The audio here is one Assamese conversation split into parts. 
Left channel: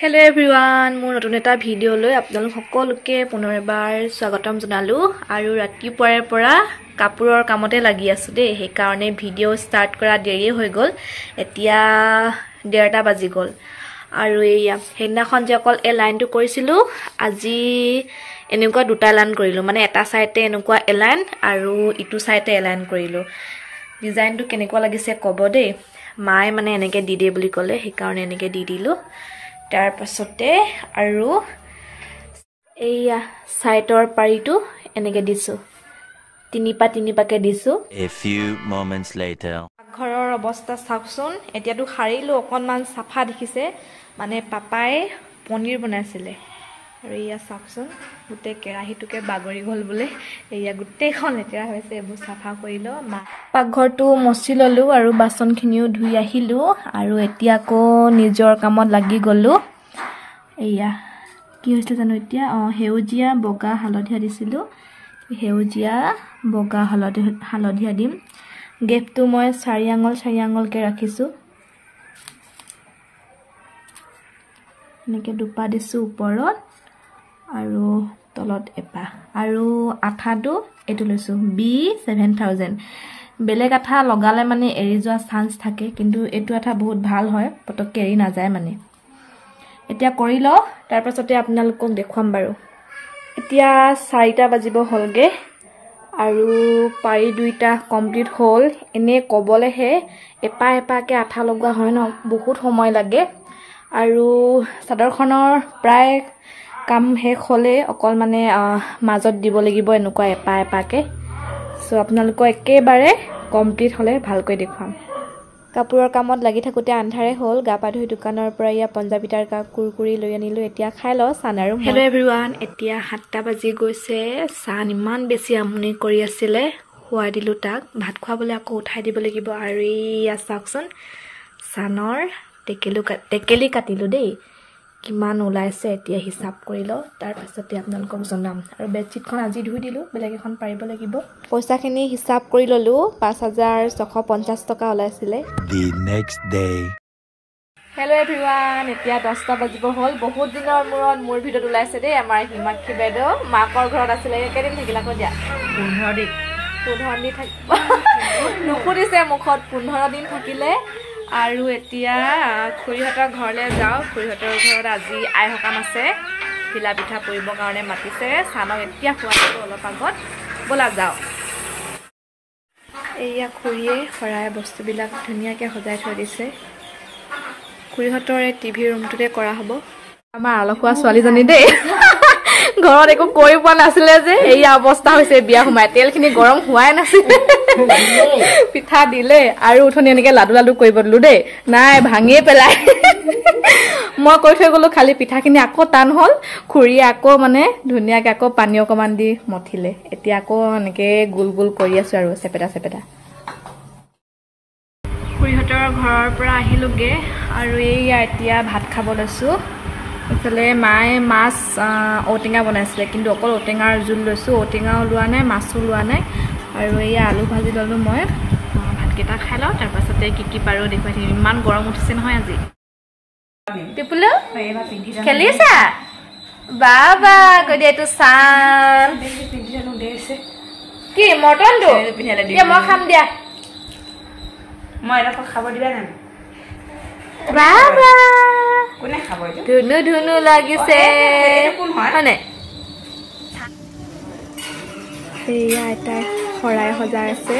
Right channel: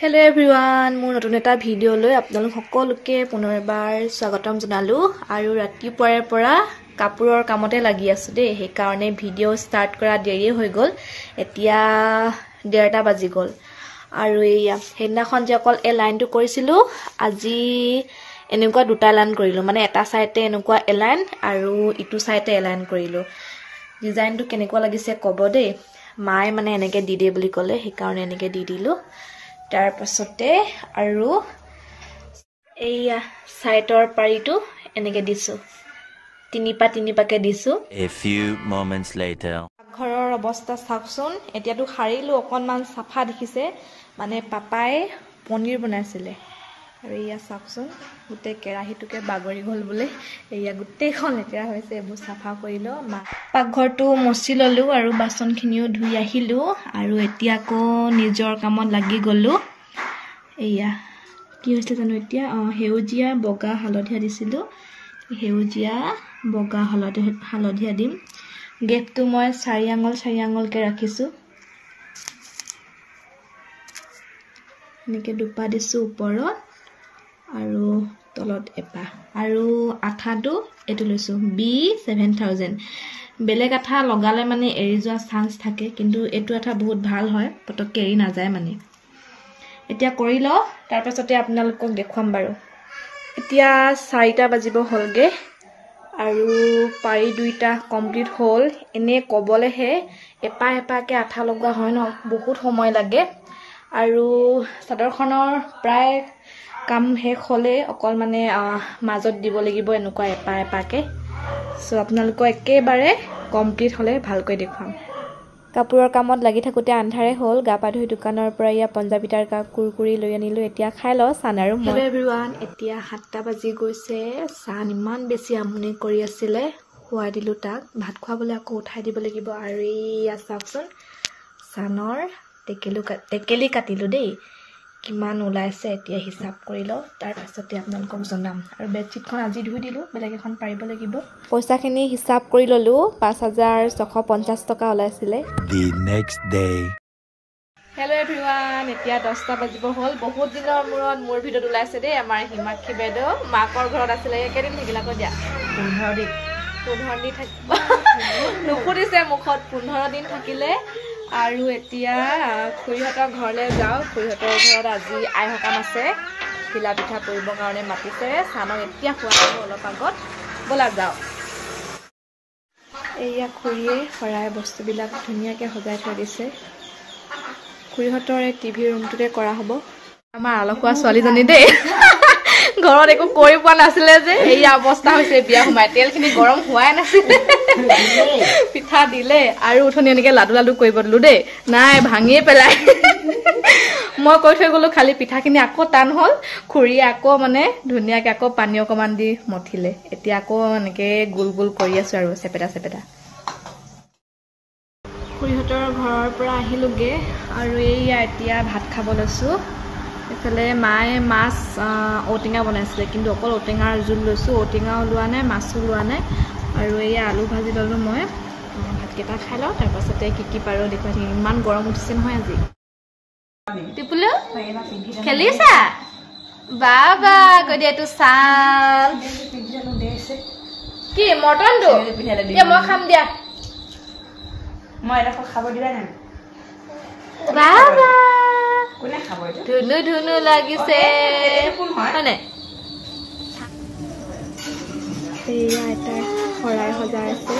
Hello everyone, মোৰ নতুন এটা ভিডিও লৈ আপোনালোক সকলোকে পুনৰ এবাৰ স্বাগতম জনালো আৰু ৰাতিপুৱাৰে পৰা কাপোৰৰ কামতে লাগি আছো দে সেই কাৰণে ভিডিও ষ্টাৰ্ট কৰা দেৰি হৈ গল এতিয়া 1:30 বাজি গল আৰু এইয়া হেনাখন যে অকল এ লাইনটো কৰিছিলো আজি এনেকুৱা দুটা লাইন কৰিলো মানে এটা সাইডে এনেকুৱা এলাইন আৰু ইটো সাইডে এলাইন কৰিলো ডিজাইনটো কেনেকুৱা লাগিছে কব দে মাই মানে এনেকে দি দে বুলি কলে সেই কাৰণে এনেকে দি দিলো তাৰ পাছতে আৰু এইয়া সাইডৰ পাৰিটো এনেকে দিছো তিনিপাকে দিছো A few moments later ঘৰৰ অৱস্থা চাওকচোন এতিয়াটো হাৰিলো অকনমান সাফা দেখিছে মানে পাপাই পনীৰ বনাইছিলে আৰু ইয়া চাওকচোন গুটে কেৰাহীটোকে বাগৰি গল বুলে এয়া গুটেখন লেতেৰা হৈছে এবো সাফা কৰিলো পাকঘৰটো মচি ললো আৰু বাসনখিনিও ধুই আহিলো আৰু এতিয়াকো নিজৰ কামত লাগি গলো এয়া কি হৈছে জানো এতিয়া হেউজিয়া বগা হালধিয়া দিছিলো হেউজিয়া বগা হালধিয়া দিম গেপটো মই 4 আঙুল কে ৰাখিছো নেকে দুপা দিছো ওপৰত আৰু তলত এপা আৰু আঠাটো এটো লৈছো B7000 বেলেগ আঠা লগালে মানে এৰি যোৱা চান্স থাকে কিন্তু এটো আঠা বহুত ভাল হয় পটককে এৰি না যায় মানে এতিয়া কৰি ল তাৰ পাছতে আপোনালোকক দেখুৱাম বাৰু এতিয়া 4টা বাজিব হলগে আৰু পাৰি দুইটা কমপ্লিট হল এনে কবলেহে এপাকে আঠা লগা হয় ন বহুত সময় লাগে আৰু চাদৰখনৰ প্ৰায় কাম শেষ হলে অকল মানে মাজত দিব লাগিব এনেকুৱা এপাকে সো আপোনালোকক একেবাৰে কমপ্লিট হলে ভালকৈ দেখুৱাম কাপোৰৰ কামত লাগি থাকোতে আন্ধাৰে হল গাপা ধুই দোকানৰ পৰা ইয়া পঞ্জাবী তাৰকা কুৰকুৰি লৈ আনিলো এতিয়া খাই ল সান আৰু হেল্ল এভৰিৱান এতিয়া 7টা বাজি গৈছে সান ইমান বেছি আমনি কৰি আছিলে খুৱাই দিলো তাক ভাত খোৱাবলৈ আকৌ উঠাই দিব লাগিব আৰু ইয়া চাওকচোন সানৰ টেকেলি কাটিলো দেই কিমান ওলাইছে এতিয়া হিসাব কৰি ল তাৰ পাছতে আপোনালোকক জনাম আৰু বেডশিটখন আজি ধুই দিলো বেলেগ এখন পাৰিব লাগিব পইচাখিনি হিসাব কৰি ললো 5650 টকা ওলাইছিলে the next day hello everyone এতিয়া 10টা বাজিব হল বহুত দিনৰ মূৰত মোৰ ভিডিঅ ওলাইছে দেই আমাৰ হিমাক্ষী বাইদেউ মাকৰ ঘৰত আছিলে কেদিন থাকিলা কৈ দিয়া 15 দিন থাকিব নুখুৰিছে মুখত 15 দিন থাকিলে আৰু এতিয়া খুৰীহতৰ ঘৰলে যাও খুৰীহতৰ ঘৰত আজি আই হকাম আছে পিলা পিঠা পৰিব কাৰণে মাতিছে সানক এতিয়া খোৱাটো অলপ আগত বলা যাও এইয়া খুৰীয়ে খৰাই বস্তুবিলাক ধুনিয়াকে সজাই থৈ দিছে খুৰীহতৰ টিভি ৰুমটোতে কৰা হ'ব আমাৰ আলখুৱা ছোৱালীজনী দেই ঘৰত একো কৰি পোৱা নাছিলে যে এই অৱস্থা হৈছে বিয়া সোমাই তেলখিনি গৰম হোৱাই নাছিল পিঠা দিলে আৰু উঠনি এনেকে লাডু কৰিব দিলো দেই নাই ভাঙিয়ে পেলাই মই কৈ থৈ গলো খালি পিঠাখিনি আকৌ টান হল খুৰীয়ে আকৌ মানে ধুনিয়াকে আকৌ পানী অকমান দি মঠিলে এতিয়া আকৌ এনেকে গোল কৰি আছো আৰু চেপেটা খুৰীহতৰ ঘৰৰ পৰা আহিলোগে আৰু এইয়া এতিয়া ভাত খাব লৈছো এফালে মায়ে মাছ ঔটেঙা বনাইছিলে কিন্তু অকল ঔটেঙাৰ জোল লৈছো ঔটেঙা লোৱা নাই মাছো লোৱা নাই আৰু এই আলু ভাজি ললো মই ভাতকেইটা খাই লওঁ তাৰ পাছতে কি পাৰো দেখুৱাই থাকিম ইমান গৰম উঠিছে নহয় আজি টিপুলো খেলিছা বাবা কৈ দিয়া এইটো চাল কি মটনটো মই খাম দিয়া মই এটা খাব দিবা না বাবা কোনে খাব এইটো ধুনু লাগিছে এইটো কোন হয় হয়নে এইয়া আইতাই খৰাই সজাই আছে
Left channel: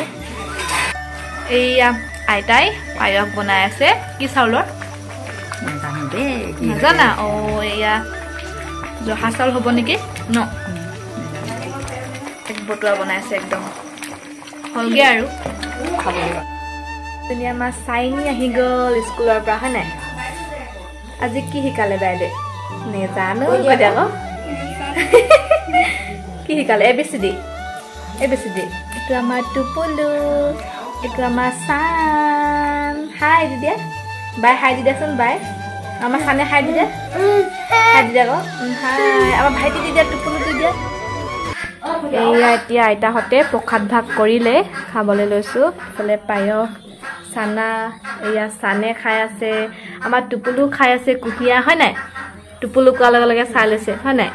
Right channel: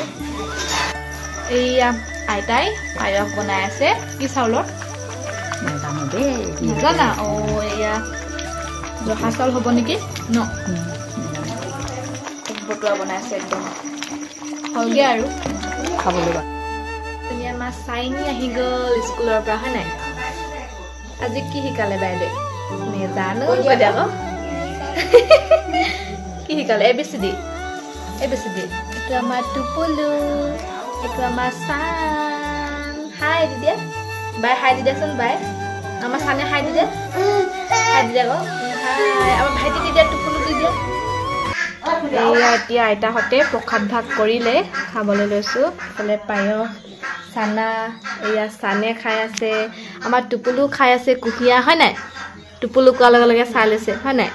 এইয়া আইতাই পায়স বনাই আছে কি চাউলৰ নাজানো দেই নাজানা এইয়া জহা চাউল হ'ব নেকি ন এক বটুৱা বনাইছে একদম হলগে আৰু খাবলৈ ধুনীয়া আমাৰ চাইনি আহি গ'ল স্কুলৰ পৰা হয় নাই আজি কি শিকালে বাইদেউ নেজানো কি শিকালে ABCD এইটো আমাৰ টুপুলু এইটো আমাৰ চান হাই দিদিয়া বাই হাই দিদিয়াচোন বাই আমাৰ চানে হাই দিদিয়া আকৌ হাই আমাৰ ভাইটি দিদিয়া টুপুলু দিদিয়া এইয়া এতিয়া আইতাহঁতে প্ৰসাদ ভাগ কৰিলে খাবলৈ লৈছো এইফালে পায়স চানা এয়া সানে খাই আছে আমাৰ টুপুলু খাই আছে কুহিয়া হয় নাই টোপুলো কোৱাৰ লগে লগে চাই লৈছে হয় নাই